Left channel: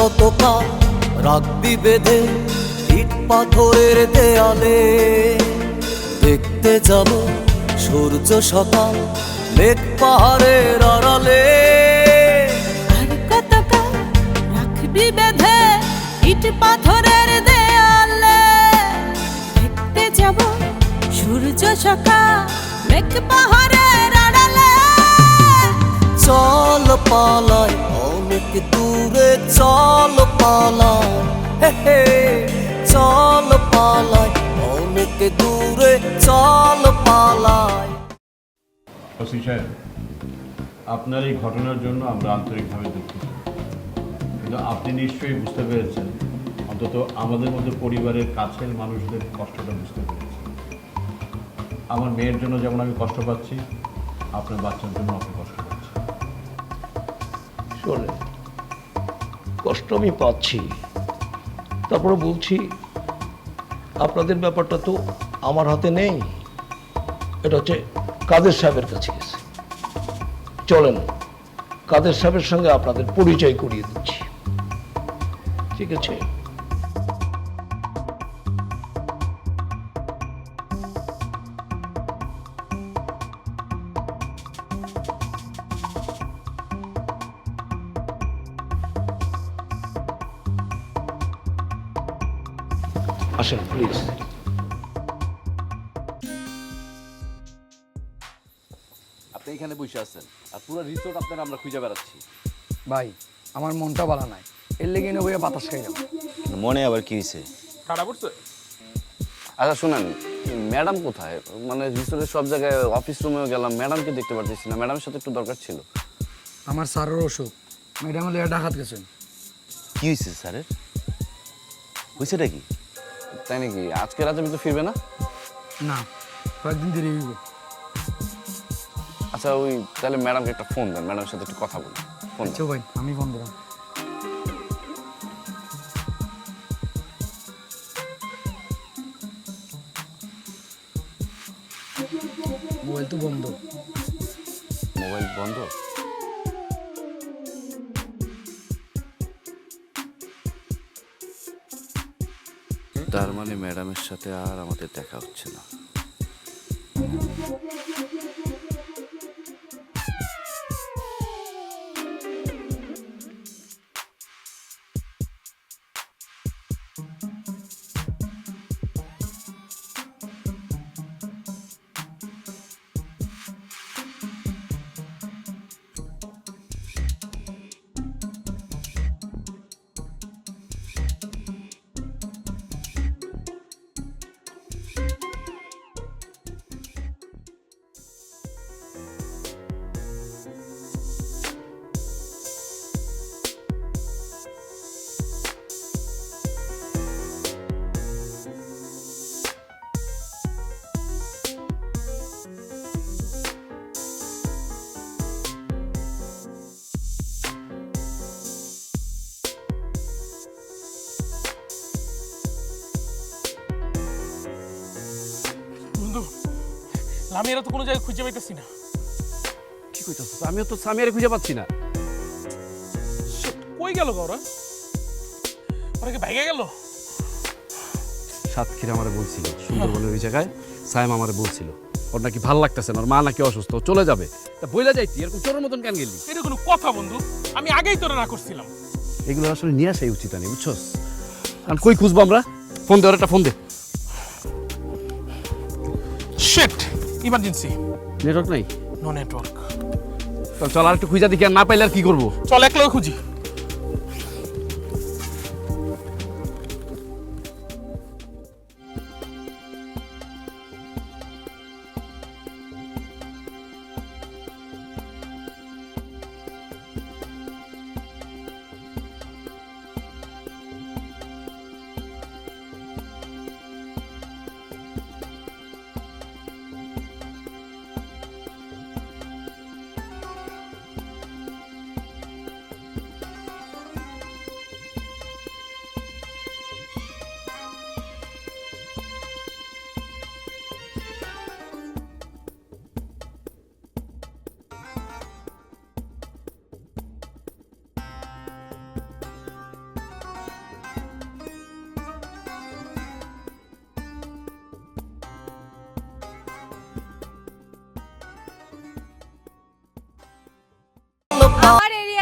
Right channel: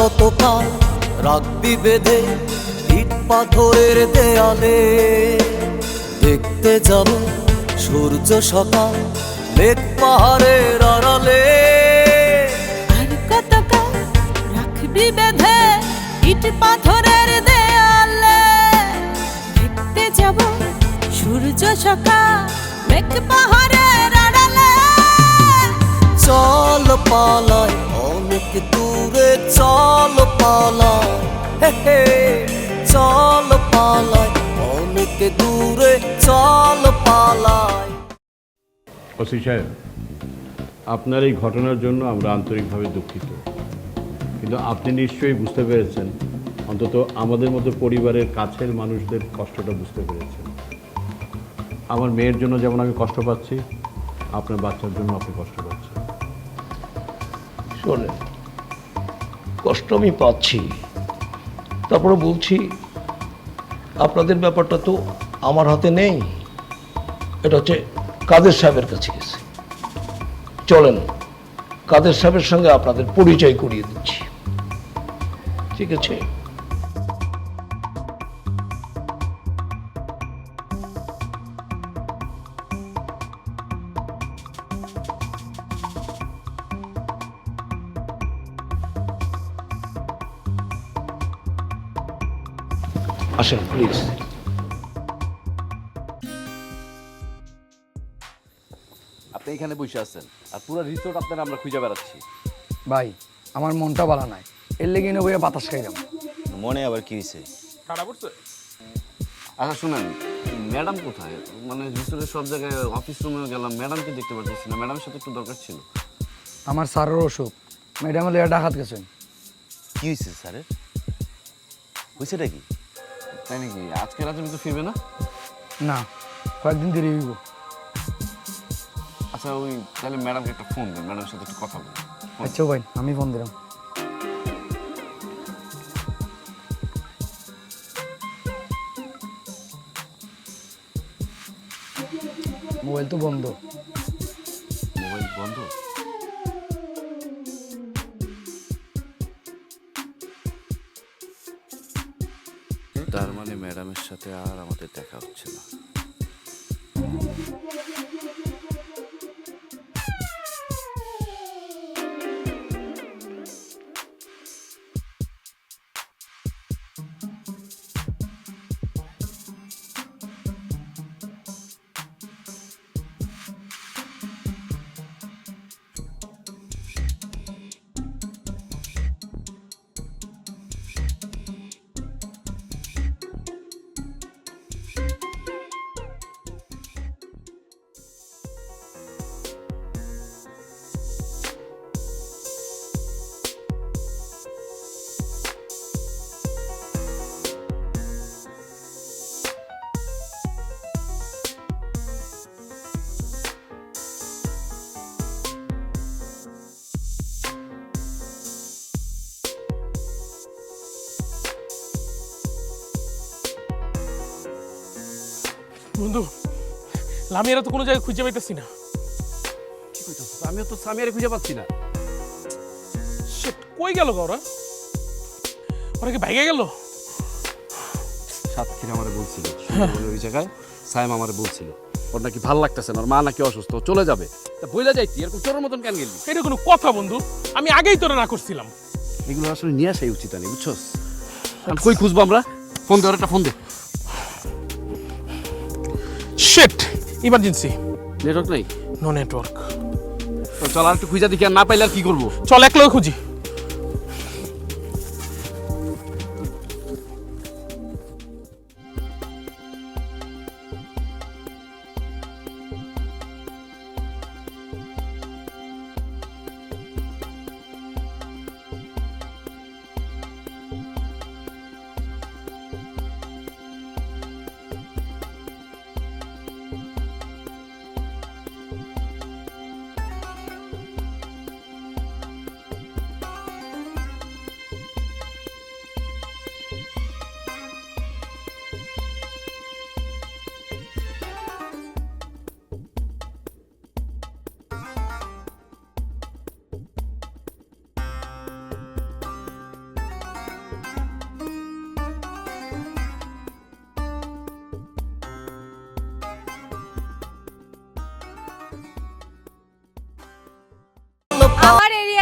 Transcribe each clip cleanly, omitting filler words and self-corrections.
কতকাল রাখবি বেঁধে ইট পাথরের দেয়ালে, দেখতে যাব সূর্য সকাল মেঘ পাহাড়ের আড়ালে। আর কতকাল রাখবি বেঁধে ইট পাথরের দেয়ালে, দেখতে যাব সূর্য সকাল মেঘ পাহাড়ের আড়ালে। চল পালাই অনেক দূরে, চল পালাই, হে হে চল পালাই অনেক দূরে, চল পালাই। ওসি সাহেব, আপনার এই ঘটনার জন্য আমরা আন্তরিকভাবে দুঃখিত, কিন্তু আপনি নিশ্চয়ই বুঝতে পেরেছেন, অন্তত আমাদের মধ্যে পরিবারের কাছের মানুষদের কষ্টটা বুঝতে পেরেছেন। আমার মেয়ের জন্য যেমন আমি কষ্ট পাচ্ছি, আপনার বাচ্চার জন্য আপনি কষ্ট পাচ্ছেন। শোনে, কষ্ট আমি পাচ্ছি, তারপরে বলছি আপনাদের ব্যাপারটা তো আমার হাতে নেই, এটা হচ্ছে কাদের সাহেবের কাছে গেছে। চলেন কাদের সাহেবের সঙ্গে আপনাদের পরিচয় করিয়ে দিচ্ছি, ঠিক আছে? আসেন প্লিজ। আপনি এখানে বসে আছেন আর পুরো রিসোর্ট আপনারা আমরা খুঁজে বেড়াচ্ছি। ভাই আমার মনটা ভালো নাই, এর লেগে বইয়া বাতাস খাইলাম। মনে আবার কি হয়েছে? ঠাড়া পড়ছে। আচ্ছা শুনেন, ম্যাডাম কোথায়? মানে রিসোর্টের সব জায়গায়, অফিস রুমেও গেলাম, ম্যাডামকে দেখতে পারতেছি না। ম্যাডামের সাথে একটু দরকার ছিল। আমার স্যারের অসুখ, ম্যাডাম লেগে ডাকাত গেছেন। কি হয়েছে স্যারের? হয়েছেটা কি? তাই নাকি? আজকে রাতে ভিতরে ফিরবে না? না, কয়েকদিন দেরি হইব। আচ্ছা ওই তাহলে ম্যাডামকে একটা ফোন দেন, ম্যাডামের সাথে একটু কথা বলি। ফোন আচ্ছা ভাই, আমি ফোন দিলাম। মোবাইল তো বন্ধ। মোবাইল বন্ধ? তার মানে ম্যাডামের সাথে আর আমাদের দেখা হচ্ছে না। বন্ধু, লামিয়ারা তো কোনো জায়গায় খুঁজে পাইতেছি না। কি কইতাছ? আমিও তো সামিয়ারে খুঁজে পাচ্ছি না। কই গেল ওরা? ওরা কি ভাইগা গেল? সাতক্ষীরা আমারে বলছিল সুন্দরবনের ওই জায়গায় সাইম আমারে বলছিল ওর নাকি ভাল লাগতেছে না, ওর মা নাকি অসুস্থ, ও চলে যাবে। তা বইলা যাইতি, এরকম চোরের মতন কেন গেলি? এটা কোনো কথা বন্ধু? আমি আগেই তোরা না করছিলাম। এগুলো আসলে নিয়ে আসাই উচিত নেই, বুঝছস? কারণ কই খুঁজবো আমরা? ফোন দে, ওর একটা ফোন দে। Shit, emergency. নেটওয়ার্ক নাই? No network. চল আর একটু খুঁজা দেখি, আর না পাইলে আর কি করবো? চল একলা খুঁজি।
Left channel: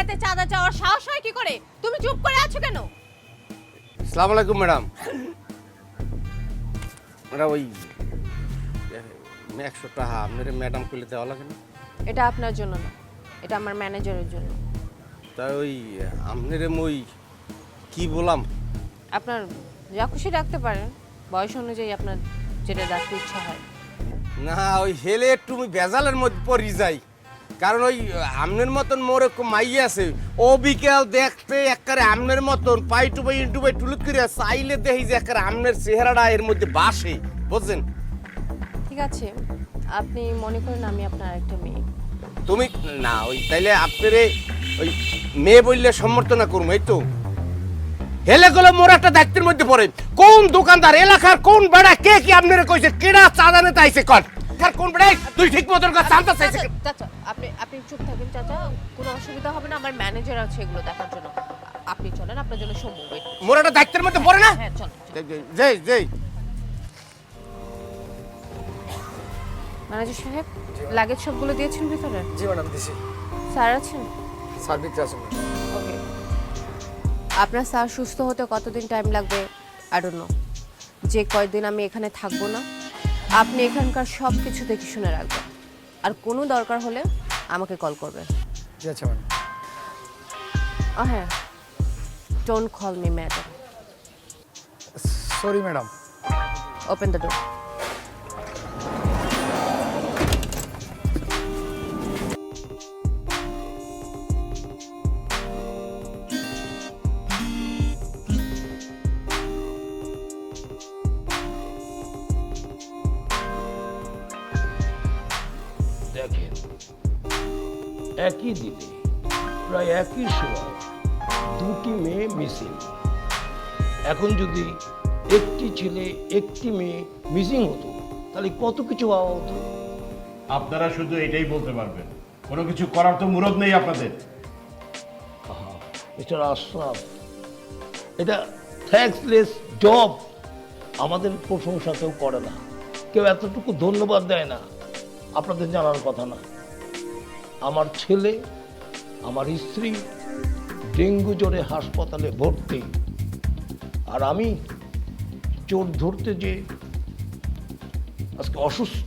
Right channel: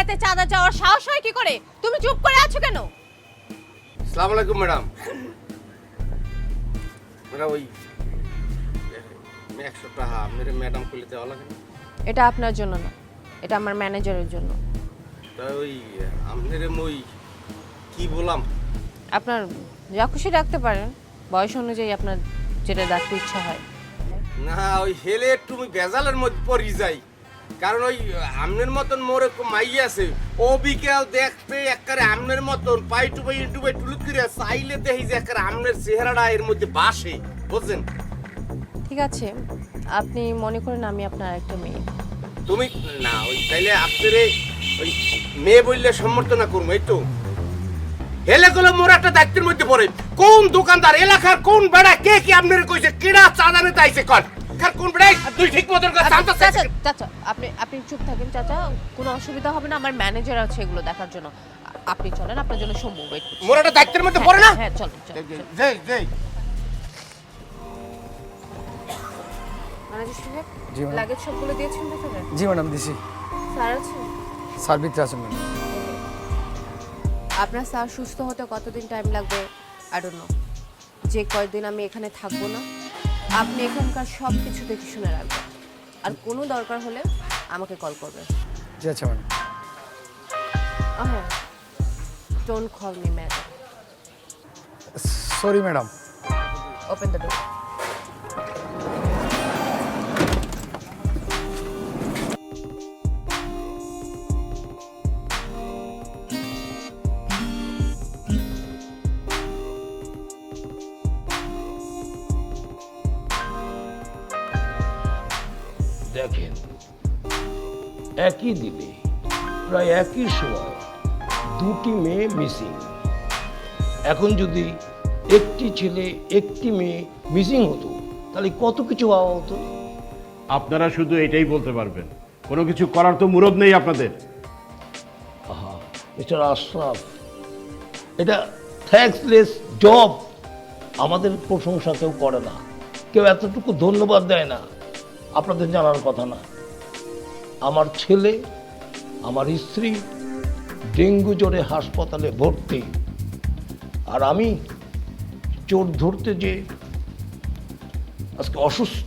বাড়িতে চাঁদা চাওয়ার সাহস হয় কি করে? তুমি চুপ করে আছো কেন? আসসালামু আলাইকুম ম্যাডাম। ম্যাডাম ওই 100 টাকা আপনার ম্যাডাম কইলে দেওয়া লাগে না? এটা আপনার জন্য না, এটা আমার ম্যানেজারের জন্য। তাই ওই আপনার ওই কি বললাম, আপনার যা খুশি ডাকতে পারেন, বয়স অনুযায়ী আপনার যেটা ডাকতে ইচ্ছা হয়। না ওই হেলে একটু আমি বেজালের মধ্যে পড়ি যাই, কারণ ওই আমনের মতন মোর এক মাই আছে, ও বিকেল দেখতে একবারে আমনের মতন পাই টু পাই ইন্টু পাই টুলুত করে চাইলে দেখি যে একবারে আমনের চেহারাটা এর মধ্যে বাসে, বুঝছেন? ঠিক আছে, আপনি মনে করেন আমি আপনার একটা মেয়ে। তুমি না ওই তাইলে আপনারে ওই মেয়ে বললে সমর্থনা করবো, এই তো হেলে গেলে মোর একটা দায়িত্বের মধ্যে পড়ে। কোন দোকানদার এলাকার কোন বেড়া কে কি আপনারে কইছে কেডা চাঁদা নিতে আইছে কর, আর কোন বেড়া তুই ঠিক মতন কাজ চাঁদা চাইছে? চাচা আপনি চুপ থাকেন চাচা, কোনো অসুবিধা হবে না, আমার ম্যানেজার আছে এগুলো দেখার জন্য। আপনি চলেন, আপনার জন্য সম্ভব। মোর একটা দায়িত্বের মধ্যে পড়ে না? হ্যাঁ চল। যেই যেই ম্যানেজার সাহেব, লাগেজ সবগুলো দিয়েছেন ভিতরে? জি ম্যাডাম দিছি। স্যার আছেন? স্যার ভিতরে আছেন। ওকে। আপনার স্যার সুস্থ হতে কতদিন টাইম লাগবে আই ডোন্ট নো। যে কয়দিন আমি এখানে থাকবো না, আপনি এখানকার সব কিছু দেখে শুনে রাখবেন, আর কোনো দরকার হলে আমাকে কল করবেন। জি আচ্ছা ম্যাডাম। হ্যাঁ, don't call me madam. Sorry madam. Open the door. দেখেন, একই দিনে প্রায় একই সময় দুটি মেয়ে মিসিং। এখন যদি একটি ছেলে একটি মেয়ে মিসিং হতো তাহলে কত কিছু হওয়া হতো। আপনারা শুধু এটাই বলতে পারবেন, কোনো কিছু করার তো মুরদ নেই আপনাদের। মিস্টার আশরাফ, এটা থ্যাঙ্কসলেস জব। আমাদের প্রশংসা কেউ করে না, কেউ এতটুকু ধন্যবাদ দেয় না। আপনাদের জানার কথা না, আমার ছেলে আমার স্ত্রী ডেঙ্গু জ্বরে হাসপাতালে ভর্তি, আর আমি চোর ধরতে যে আজকে অসুস্থ।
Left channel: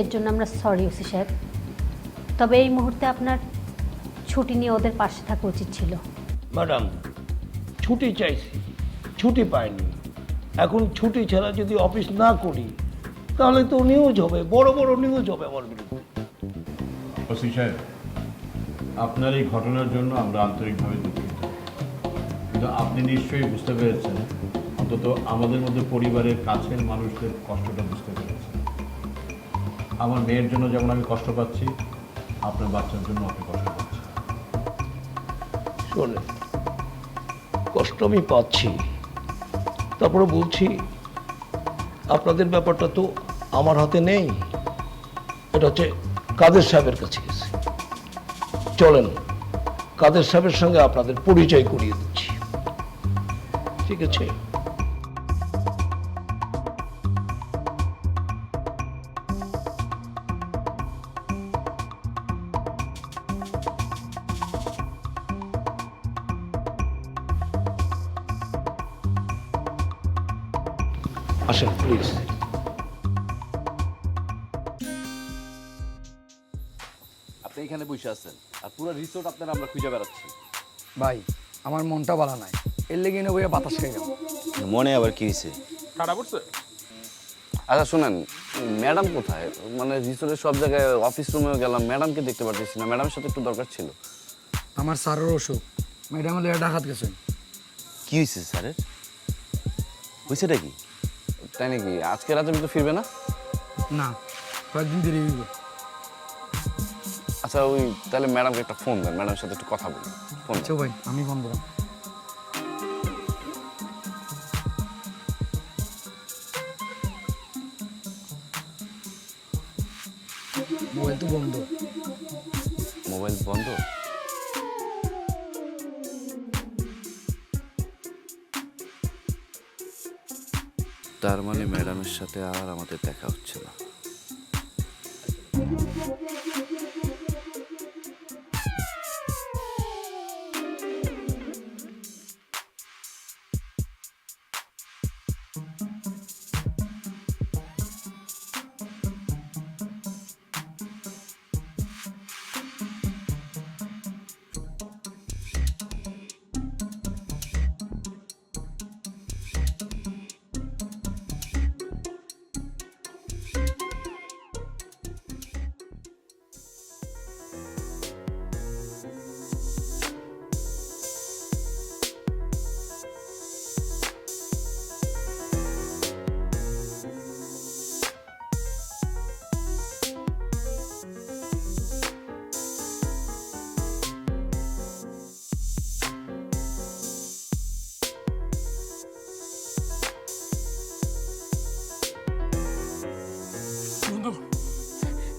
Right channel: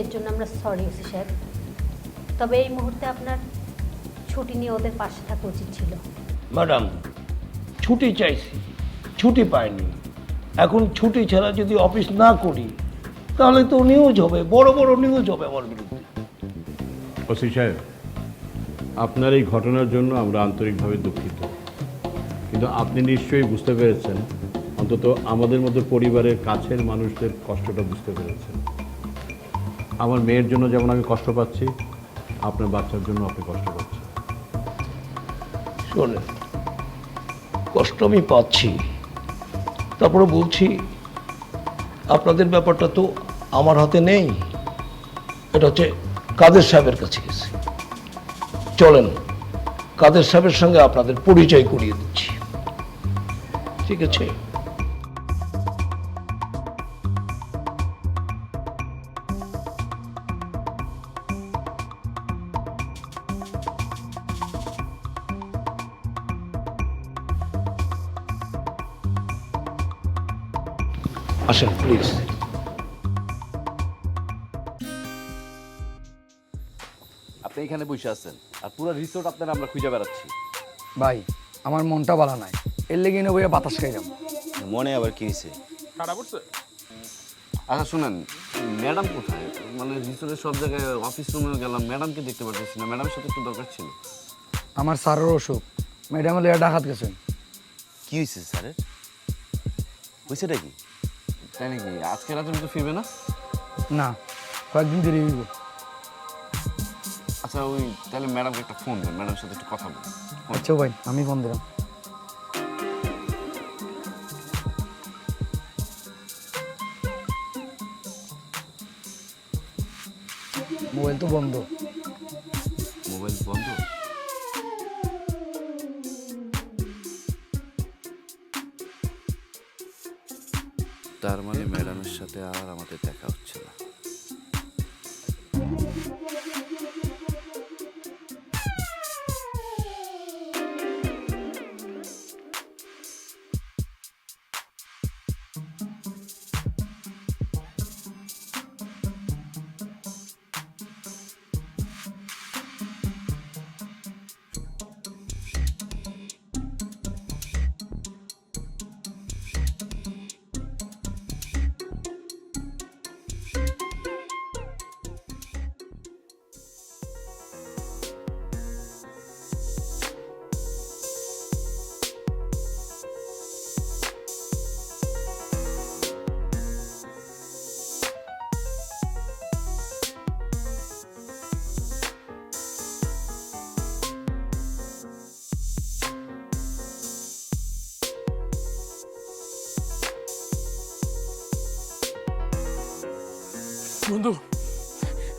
এর জন্য আমরা সরি ওসি সাহেব, তবে এই মুহূর্তে আপনার ছুটি নিয়ে ওদের পাশে থাকা উচিত ছিল। ম্যাডাম, ছুটি চাইছি, ছুটি পাইনি। এখন ছুটি ছাড়া যদি অফিস না করি তাহলে তো নিউজ হবে, বড় বড় নিউজ হবে আমার বিরুদ্ধে। ওসি সাহেব, আপনার এই ঘটনার জন্য আমরা আন্তরিকভাবে দুঃখিত, কিন্তু আপনি নিশ্চয়ই বুঝতে পেরেছেন, অন্তত আমাদের মধ্যে পরিবারের কাছের মানুষদের কষ্টটা বুঝতে পেরেছেন। আমার মেয়ের জন্য যেমন আমি কষ্ট পাচ্ছি, আপনার বাচ্চার জন্য আপনি কষ্ট পাচ্ছেন। শোনেন, কষ্ট আমি পাচ্ছি, তারপরে বলছি আপনাদের ব্যাপারটা তো আমার হাতে নেই, এটা হচ্ছে কাদের সাহেবের কাছে গেছে। চলেন কাদের সাহেবের সঙ্গে আপনাদের পরিচয় করিয়ে দিচ্ছি, ঠিক আছে? আসেন প্লিজ। আপনি এখানে বসে আছেন আর পুরো রিসোর্ট আপনার আমরা খুঁজে বেড়াচ্ছি। ভাই আমার মনটা ভালো নাই, এর লেগে না বইয়া বাতাস খাই গেল। মনে আবার কি হয়েছে? খারাপ করছে? আচ্ছা শুনেন, ম্যাডাম কোথায়? মানে রিসোর্টের সব জায়গায়, অফিস রুমেও গেলাম, ম্যাডামকে দেখতে পারতেছি না। ম্যাডামের সাথে একটু দরকার ছিল। আমার স্যারের অসুখ, ম্যাডাম হলে ডাকাত গেছেন। কি হয়েছে স্যারের? হয়েছেটা কি? তাই নাকি? আজকে রাতে তো ফিরবে না? না, কয়েকদিন দেরি হইব। আচ্ছা ওই তাহলে ম্যাডামকে একটা ফোন দেন, ম্যাডামের সাথে একটু কথা বলি। ফোন আচ্ছা ভাই, আমি ফোন দিলাম। মোবাইল তো বন্ধ। মোবাইল বন্ধ? তার মানে ম্যাডামের সাথে আর আমাদের দেখা হচ্ছে না।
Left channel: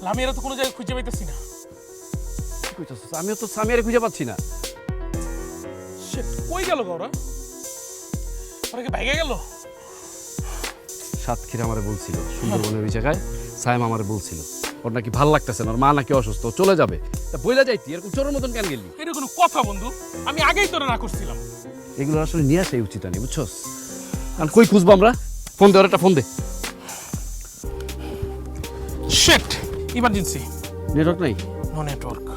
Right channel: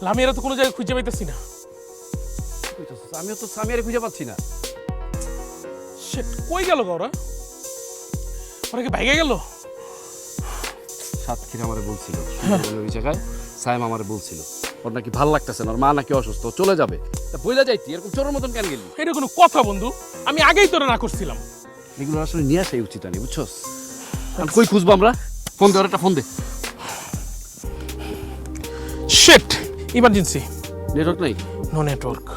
লামিয়ারা তো কোনো জায়গায় খুঁজে পাইতেছি না। কি কইতাছিস? আমিও তো সামিয়ারে খুঁজে পাচ্ছি না। শিট, কই গেল ওরা? ওরা কি ভাইগে গেল? সাতক্ষীরা আমারে বলছিল সুন্দরবনের ওই জায়গায় সাইম আমারে বলছিল ওর নাকি ভাল লাগতেছে না, ওর মা নাকি অসুস্থ, ও চলে যাবে। তা বইলা যাইতি, এরকম চোরের মতন কেন গেলি? এটা কোনো কথা বন্ধু? আমি আগেই তোরা না করছিলাম। এগুলো আসলে নিয়ে আসাই উচিত আনি, বুঝছস? আর কই খুঁজবো আমরা? ফোন দে, ওর একটা ফোন দে। Shit, emergency. নেটওয়ার্ক নাই? No network.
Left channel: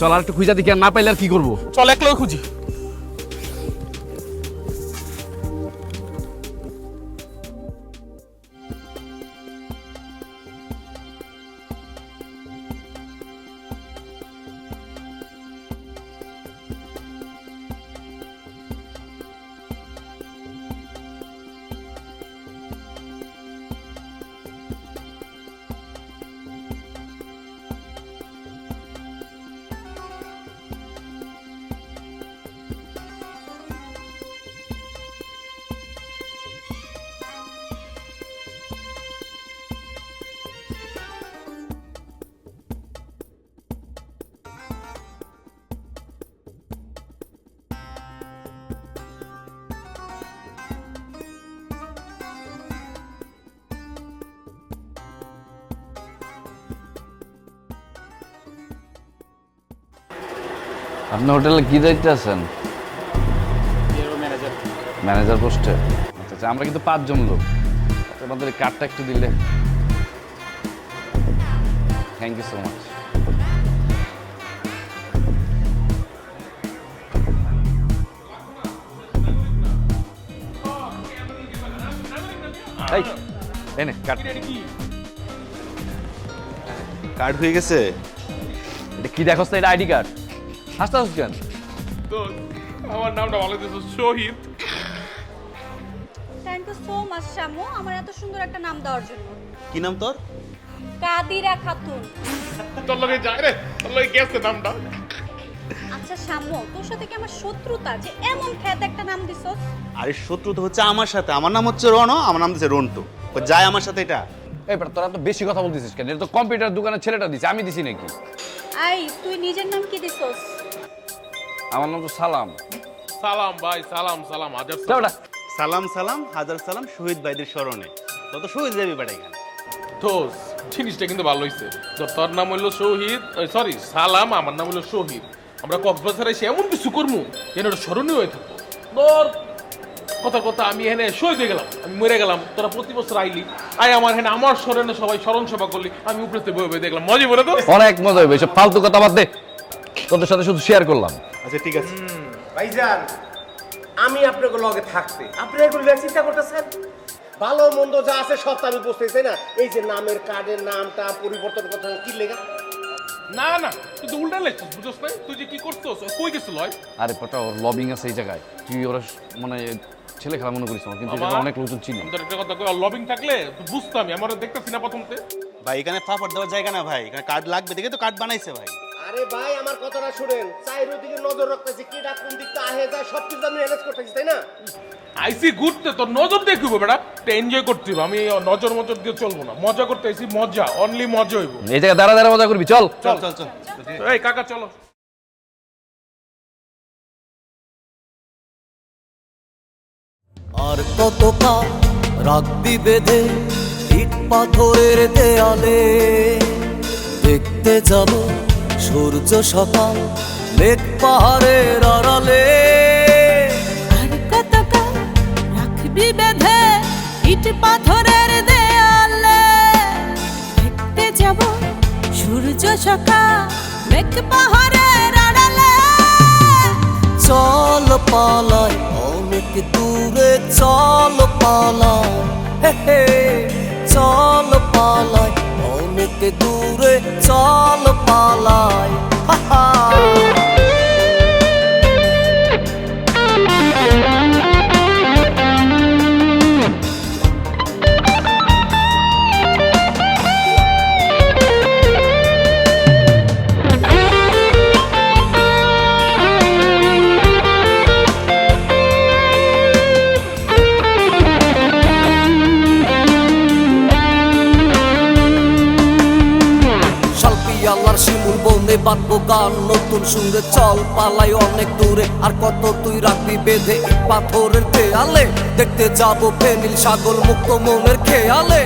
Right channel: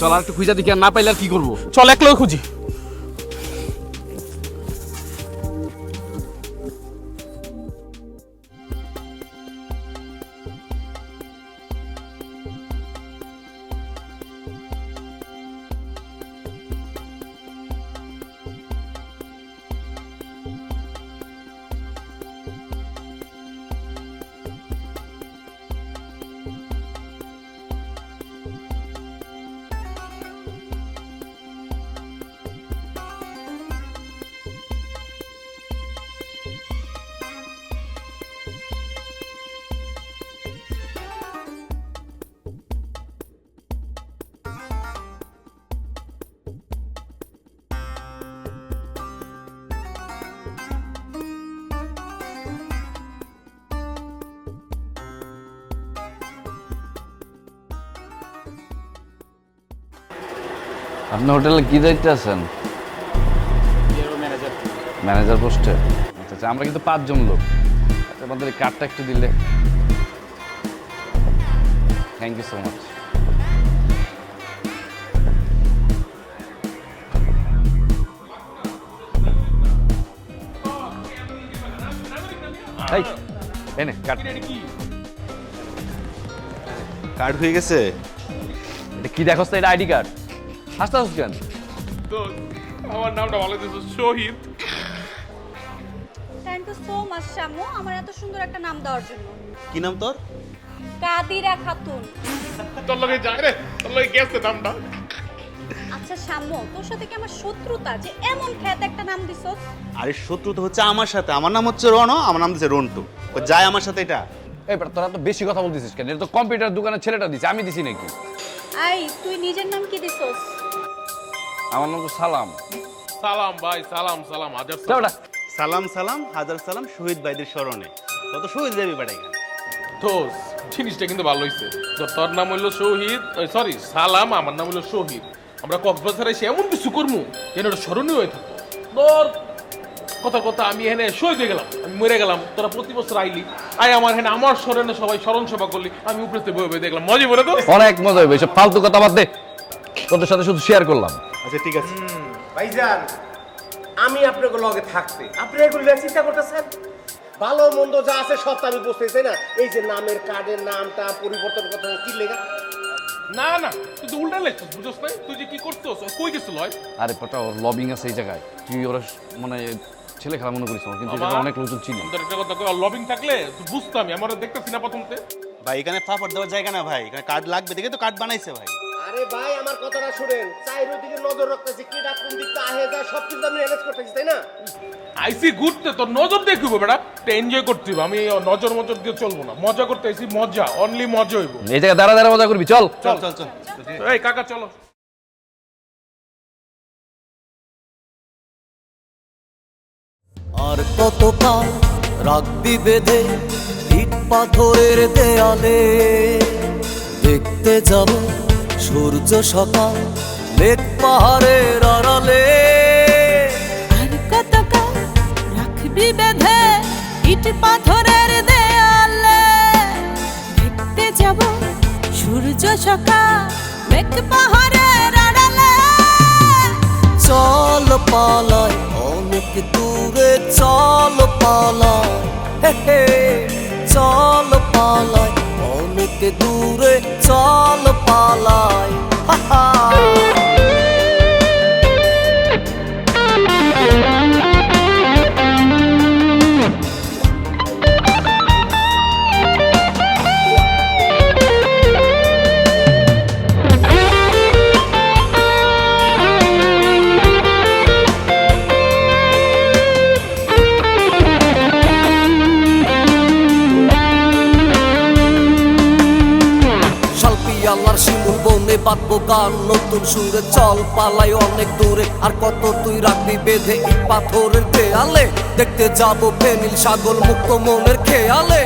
চল আর একটু খুঁজা দেখি, আর না পাইলে আর কি করবো? চল একলাই খুঁজি। আপনি হোটেলে কি দায়িত্বে আছেন? ম্যানেজার পোস্টে? আচ্ছা, আমরা কিন্তু 5 জন লোক। আমাদের কার্ডটা একটু দিলে। Thank you so much. এই এনে কার্ড। কার্ড হয়ে গেছে? এটা কি দেখোস তো? এটা আইডি কার্ড। হাসতে হাসতে কেন? তো আমার নামটা ভালো দিছো, শহীদ। Thank you so much Shamu, আমার এত সুন্দর একটা নাম দেওয়ার জন্য। কি নাম তোর? কাদিরা খাতুন। তোর লগে যায় রে, তোর লগে গেছে নামটা। আচ্ছা শামু, তোর সাথে কি আমার শত্রুতা যে এমন খ্যাত একটা নাম দিছস? আরে শত্রু তো হচ্ছে আমার সাথে। আমার নাম হচ্ছে রণ, আমার নাম দিচ্ছে রন্টু। ও যায় আমার সাথে এটা? এই বেটা, তোরা তো বেশি কথা বলতেছিস কেন? এটা তো কম্পিউটার দোকানের ছেলেটা দিছে, আমি দিছি নাকি? আই, তুই নিজের নাম কি দিছস? আমার নাম তো সালাম। সালাম ভাই, সালাম সালাম, হাজার যা সালাম। বেটা। সালাম সালাম হাজার সালাম শহীদ ভাইদের স্মরণে। তত শহীদ যাবি বেটা এখানে। তো জিনিসটা কিন্তু ভালো হইছে। তো তোর নাম হইলো শহীদ, সরি সালাম, আমার নাম হইলো শহীদ। আমরা কক্সবাজারে এসে এমন কিছু করবো যেন ওটা স্মরণীয় হয়ে থাকবো। তোর কথা কথা আমি এখানে শহীদ হয়ে গেলাম, আমি মরে গেলাম, তোরা প্রতি বছর আইলি, আই আমার এখানে আমার স্মরণে সবাই স্মরণ সভা করলি, আমি উপরে বয়ে বয়ে দেখলাম, মজা বলে তো। অনেক মজা হইবে, সব ফালতু কথা বাদ দে। তোদের সাথে শুধু শেয়ার করলাম। আচ্ছা ঠিক আছে। ভাইজান, আমি আপনাকে লগে থাকতে আপনি এগুলো চিন্তা করতেছেন? ভালো মন্দ যা আছে সব তো আমি বুঝতেছি, তাই না? এই যে নামের কার্ডের নামটা পরিবর্তন করতে কি লেখা? না না, তুই তো উল্টা লেখছিস, বুঝছ না? তুই যে কি করছিস, কই গেছিল? আরে পটা, ওর লবিং আছে এই জায়গায়। তুই ওরা মানে ছেলে খেলা মনে করিস না, কিন্তু আমার- এটা অনেক লোকজন চিনি। তোর একটা কথা কই, লবিং থাকলে বুঝতাম, আমার দেখতেছি না প্রথমতে। ভাই এখানে ফাফড় দেওয়ার জায়গা না ভাই, এখানে কার্ড লাগবে দেখে তো কার্ড বানাইছে ভাই। আরে ভাই, আমার কথাটা শুনেন, চাইরো দিকে নজর রাখতেছি, কি ডাক কোন দিকটা আহে যায় সবকিছু আমি ম্যানেজ করতেছি, তাই না? আইসি ঘুরতে তোর নজর দেখবো বেটা, এনজয় করতে হবে। আমি নজর মজর দিয়ে চলবো না, মজা করতে আইসি, মজা, অনলি মজা হইব। এই জায়গায় দাঁড়া দাঁড়া মজা করবি, চল। চল চল চল। এই কাকা চলো। আর কত কাল রাখবি বেঁধে ইট পাথরের দেয়ালে? দেখতে যাব সূর্য সকাল মেঘ পাহাড়ের আড়ালে। আর কতকাল রাখবি বেঁধে ইট পাথরের দেয়ালে? দেখতে যাব সূর্য সকাল মেঘ পাহাড়ের আড়ালে। চল পালাই অনেক দূরে, চল পালাই, হে হে, চল পালাই অনেক দূরে, চল পালাই, হা হা। শিয়ালার শিমুল বনে বাঁধবো গান নতুন সুরে, চল পালাই অনেক দূরে, আর কত তুই রাখবি বেঁধে ইট পাথরের দেয়ালে, দেখতে যাবো ফেনীল সাগর মুক্ত মনের খেয়ালে।